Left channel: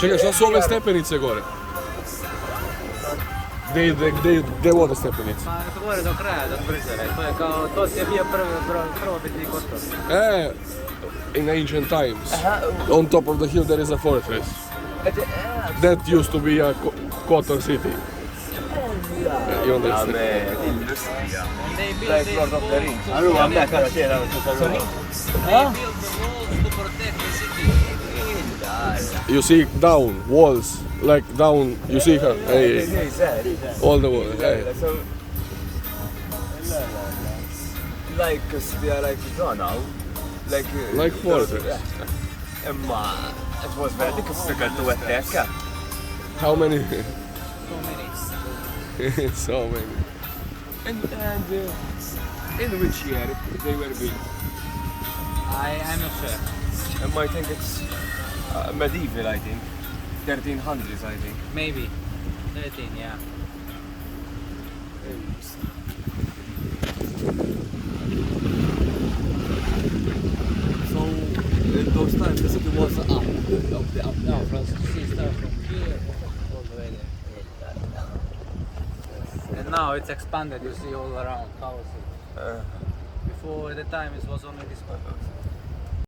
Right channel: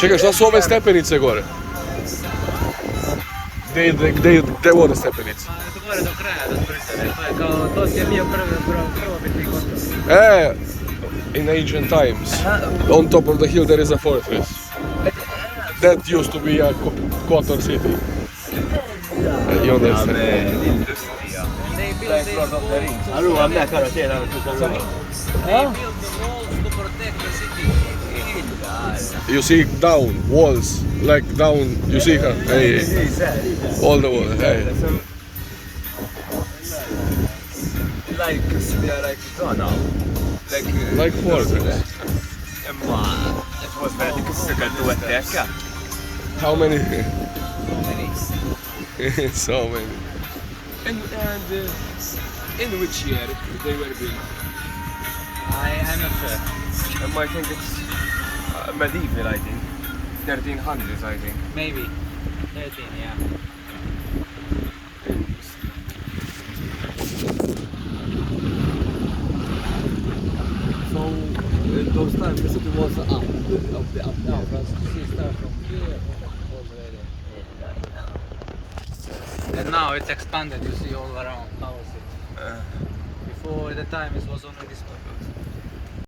Čekaj, šta su ove stepenice gore? Gde vode stepenice? Pa gore do kraja, do tvrđave. To je kao, to je bio prvobitni Kotor. In ancient times, on top of the hill there is a fortress. That used to be a Kotor city. You understand? They built these walls to Allora a me cara c'era tutta They built the walls to protect the city. You see down, walls, like down, you see her, hey, all the walls, hey. like now, Like fortress. Ma it was very difficult to attack. How many? So many. And in which year they were built? I'm not sure. I think it's medieval, I think. 1300s, I think. Maybe. 13, yeah. So in those times the city was up now. See, start from here all the way there. And now it's expanded, you see all around Power City. Before the time it was only this one.